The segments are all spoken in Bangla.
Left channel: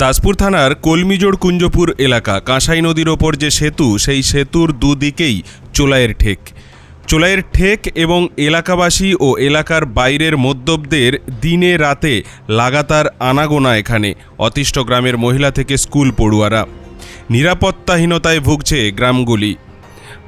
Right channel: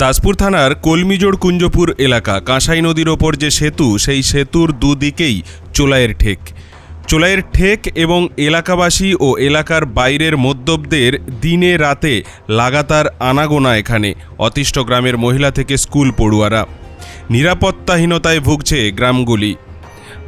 দাসপুর থানার কলমিজোড় কুঞ্জপুর এলাকা, কাঁসাই নদীর ওপর যে সেতু, সেই সেতুর দুদিকেই চোলাইয়ের ঠেক। চোলাইয়ের ঠেক এবং এলাকাবাসী ও এলাকার বাইরের মদ্যপদের দিনে রাতে লাগাতার আনাগোনা এখানে, অতিষ্ঠ গ্রামের মহিলা থেকে স্কুল পড়ুয়ারা। নিরাপত্তাহীনতায় ভুগছে গ্রামগুলি।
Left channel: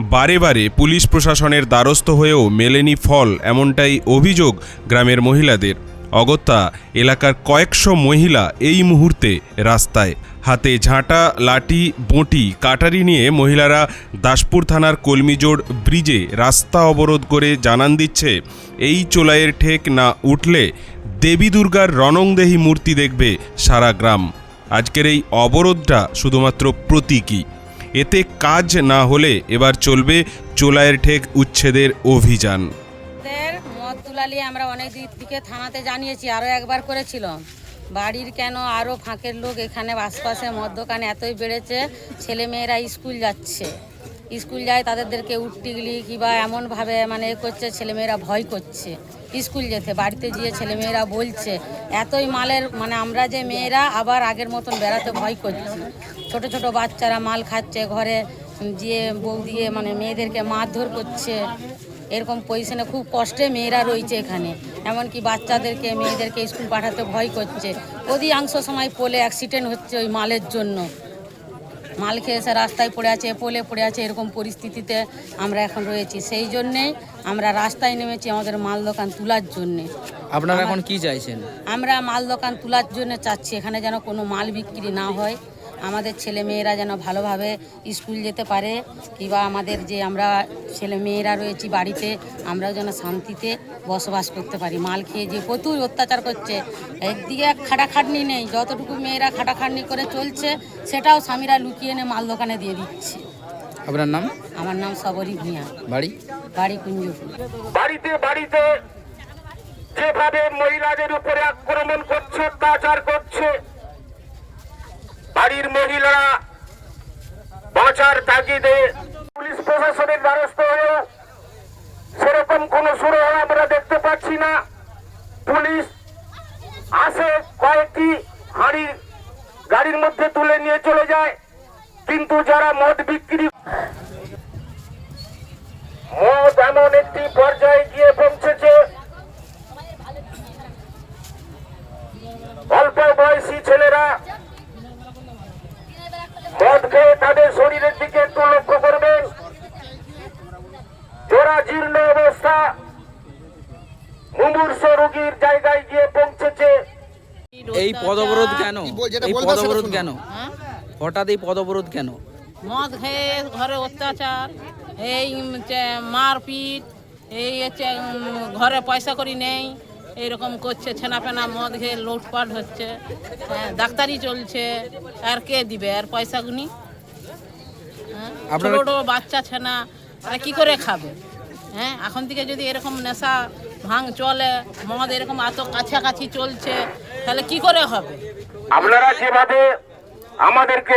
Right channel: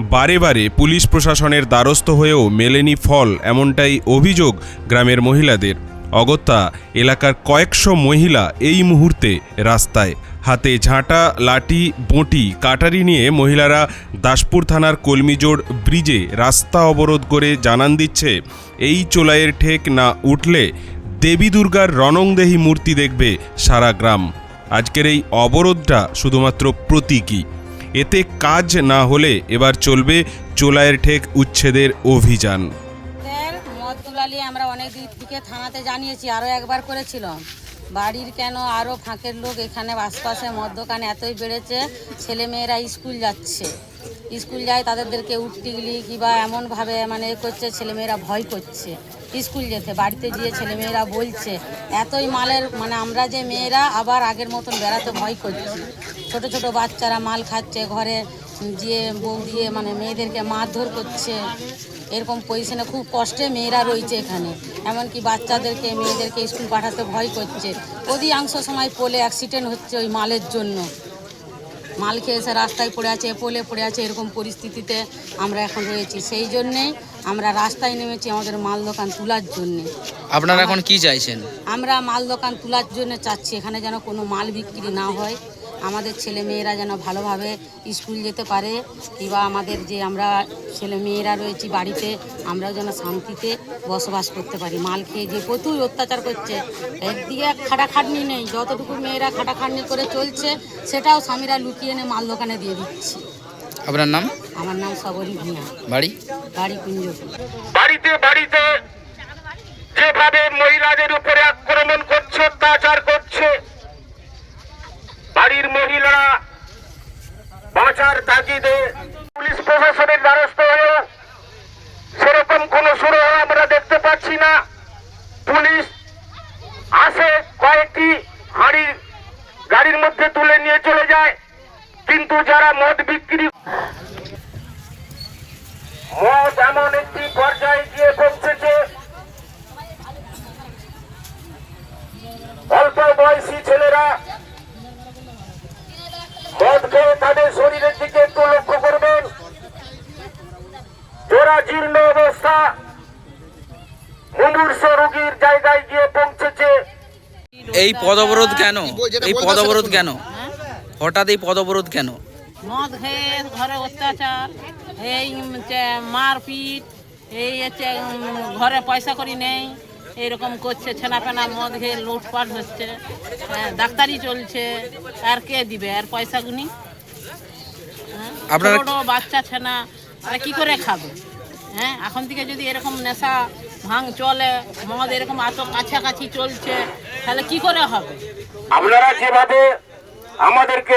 বারে বারে পুলিশ প্রশাসনের দ্বারস্থ হয়েও মেলেনি ফল, এমনটাই অভিযোগ গ্রামের মহিলাদের। অগত্যা এলাকার কয়েকশো মহিলা এই মুহূর্তে রাস্তায়। হাতে ঝাঁটা, লাঠি, বঁটি, কাটারি নিয়ে মহিলারা দাসপুর থানার কলমিজোড় ব্রিজে রাস্তা অবরোধ করে জানান দিচ্ছে, এই চোলাইয়ের ঠেক না উঠলে দেবী দুর্গার রণংদেহী মূর্তি দেখবে সারা গ্রাম। আজকের এই অবরোধটা শুধুমাত্র প্রতীকী। এতে কাজ না হলে এবার চলবে চোলাইয়ের ঠেক উচ্ছেদের অভিযান। তুলালি আমরা অনেক দিক থেকে থানাতে জানিয়েছি আরও একবার করেছিলাম। বাড়ির কেন আরও ফাঁকের লোক এখানে আশপাশে মদ এতই বেড়েছে, ছেলেমেয়েরা স্কুল যাচ্ছে। স্কুল যায় তাদেরকে উঠটিগলি কিংবা এমনভাবে মানে এ করছে, ছেলেমেয়েরা ভয় করছে। স্কুল যেতে, বাড়িতে গিয়ে ছেলেমেয়েরা বলছে, এতই মালের মানে আমরা যে মেয়েরা আবার আগের মতন বেড়াতে ভয় করছি। ছোট ছোট বাচ্চারা মাল খাচ্ছে, ঘরে গিয়ে বউ দিয়ে মানে মেয়েদেরকে মারধর করছে। এরকম পজিশনে খুব কষ্টে মেয়েরা রয়েছে এখানে। এমনকি বাচ্চাদেরকে মেয়েদেরকে স্কুল পাঠাতে ভয় করছে। অধিকাংশ সময় পোলে অ্যাক্সিডেন্ট হচ্ছে ওই মালের জন্য। মাল খেয়ে এসে রাস্তায় পড়ে আছে পোলে পড়ে আছে এরকম পরিস্থিতিতে আমরা এখন রয়েছি। সেই জন্যেই আমরা রাস্তায় নেমেছি আমাদের মাল দোকান তোলার জন্যে। আপনারা এখন কি চাইছেন? আমরা মাল দোকান তোলার জন্য চাচ্ছি এখানে যেন কোনো মাল বিক্রি না হয়। আমাদের ছেলে মেয়েরা যেন ভালোভাবে স্কুল যেতে পারে কিংবা আমাদের যে আমরা ছেলে মেয়েরা রয়েছি বাড়িতে আমরাও যেন শান্তিতে বসবাস করতে পারি। মাল খেয়ে যে প্রচুর অত্যাচার করছে একদিকে খাটাখাটনি নেই যতটুকু মেয়েরা খাটাখাটনি করে চলছে সেটাও স্বামীরা লুকিয়ে এনে মাল দোকানে দিয়ে দিচ্ছে। আপনার নাম? আমার নাম সবরী ভূঁয়া বাড়ি? বাড়ি কুঞ্জপুর বাড়িতে বাড়িতে যেভাবে মহিলাদের উপরে আক্রমণ করছে অত্যাচার করছে বাড়ির মহিলারা বাঁচার তাগিদে পুলিশ প্রশাসনের দ্বারস্থ হয়েও সেরকম কোন শুরু আমরা দেখতে পাচ্ছি না। পুলিশ আসে, কয়েকটি হাড়ি গাড়ির মধ্যে তুলে নিয়ে চলে যায়। কিন্তু যারা মদ বিক্রি মদ এমন একটি পর্যায়ে গিয়ে পৌঁছেছে অল্প বয়সী ছেলেরা মদ খেয়ে তাদের শরীরের দিকে একটু লক্ষ্য করবেন জীর্ণ অবস্থা। মুমূর্ষ রোগীর জায়গায় গিয়ে পৌঁছেছে। এই পদ অবরোধ কেন? এই পদ অবরোধ কেন? হঠাৎ এই পদ অবরোধ কেন? মদ খেয়ে ঘরে অত্যাচার এই মারপিট এই হচ্ছে ঘরে পয়সা করি নেই এইরকম করছে ছেনাপেনা মদ খেয়ে লুটপাট হচ্ছে হ্যাঁ, ডাক্তারি চলছে আর কে দিবে? আর পয়সা গুনি? হ্যাঁ, ছোট বাচ্চা ছেনা তারা কি করে খাবে? হ্যাঁ এখন থেকে যদি এরকম নেশা ভাঙ চলে মদ এরকম এত কাছাকাছি চলছে তাহলে কি করে হবে? আপনারা যেভাবে আমাদেরকে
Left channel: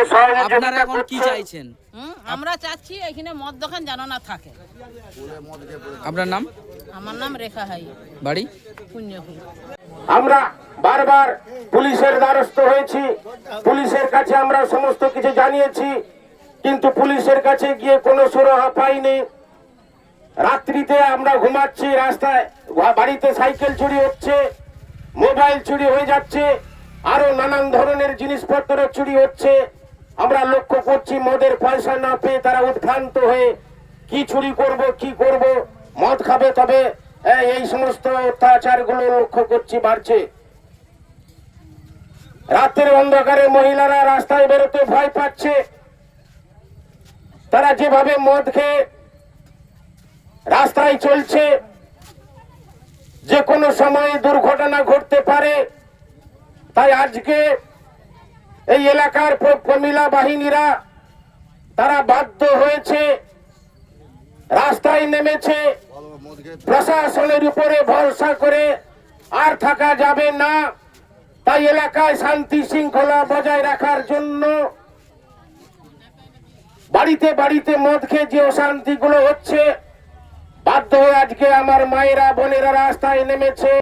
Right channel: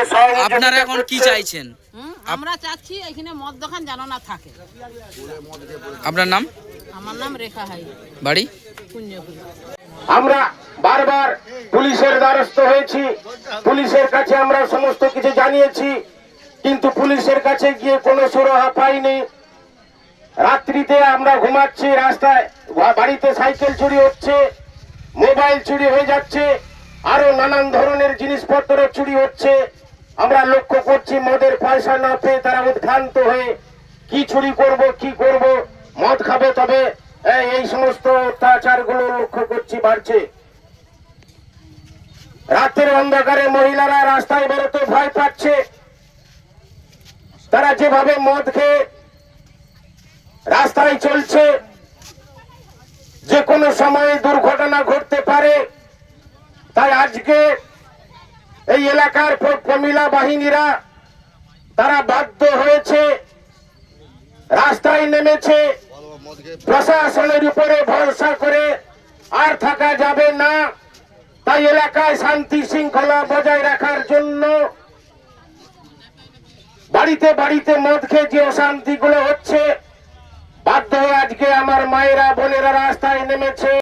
আপনারা এখন কি চাইছেন? আমরা চাচ্ছি এখানে মদ দোকান যেন না থাকে। আপনার নাম? আমার নাম রেখা হাই। বাড়ি? কুঞ্জপুর আমরা বারবার পুলিশের দ্বারস্থ হয়েছি। পুলিশের কাছে আমরা সমস্ত কিছু জানিয়েছি কিন্তু পুলিশের কাছে গিয়ে কোনো সুরাহা পাইনি। রাত্রিতে আমরা ঘুমাচ্ছি, রাস্তায় বাড়িতে সাইকেল চুরি হচ্ছে, মোবাইল চুরি হয়ে যাচ্ছে, আরও নানান ধরনের জিনিসপত্র চুরি হচ্ছে। আমরা লক্ষ্য করছি মদের পয়সা না পেয়ে তারা উদ্ভ্রান্ত হয়ে কি চুরি করব, কি করব, মদ খাবে তবে, এই- সমস্ত অত্যাচারগুলো লক্ষ্য করছি বাড়ছে। রাতের অন্ধকারে মহিলারা রাস্তায় বেরোতে ভয় পাচ্ছে। তারা যেভাবে মদ খেয়ে রাস্তায় চলছে। যে কোনো সময়ে দুর্ঘটনা ঘটতে পারে। তাই আজকে এই এলাকার প্রমিলা বাহিনীরা তারা বাধ্য হয়েছে, রাস্তায় নেমেছে। প্রশাসনের উপরে ভরসা করে আর থাকা যাবে না। তাই এলাকায় শান্তি শৃঙ্খলা বজায় রাখার জন্য বাড়িতে বাড়িতে মদ খেয়ে যে অশান্তিগুলো হচ্ছে বাধ্য হয়ে আজকে আমার মায়েরা বোনেরা রাস্তায় নেমেছে।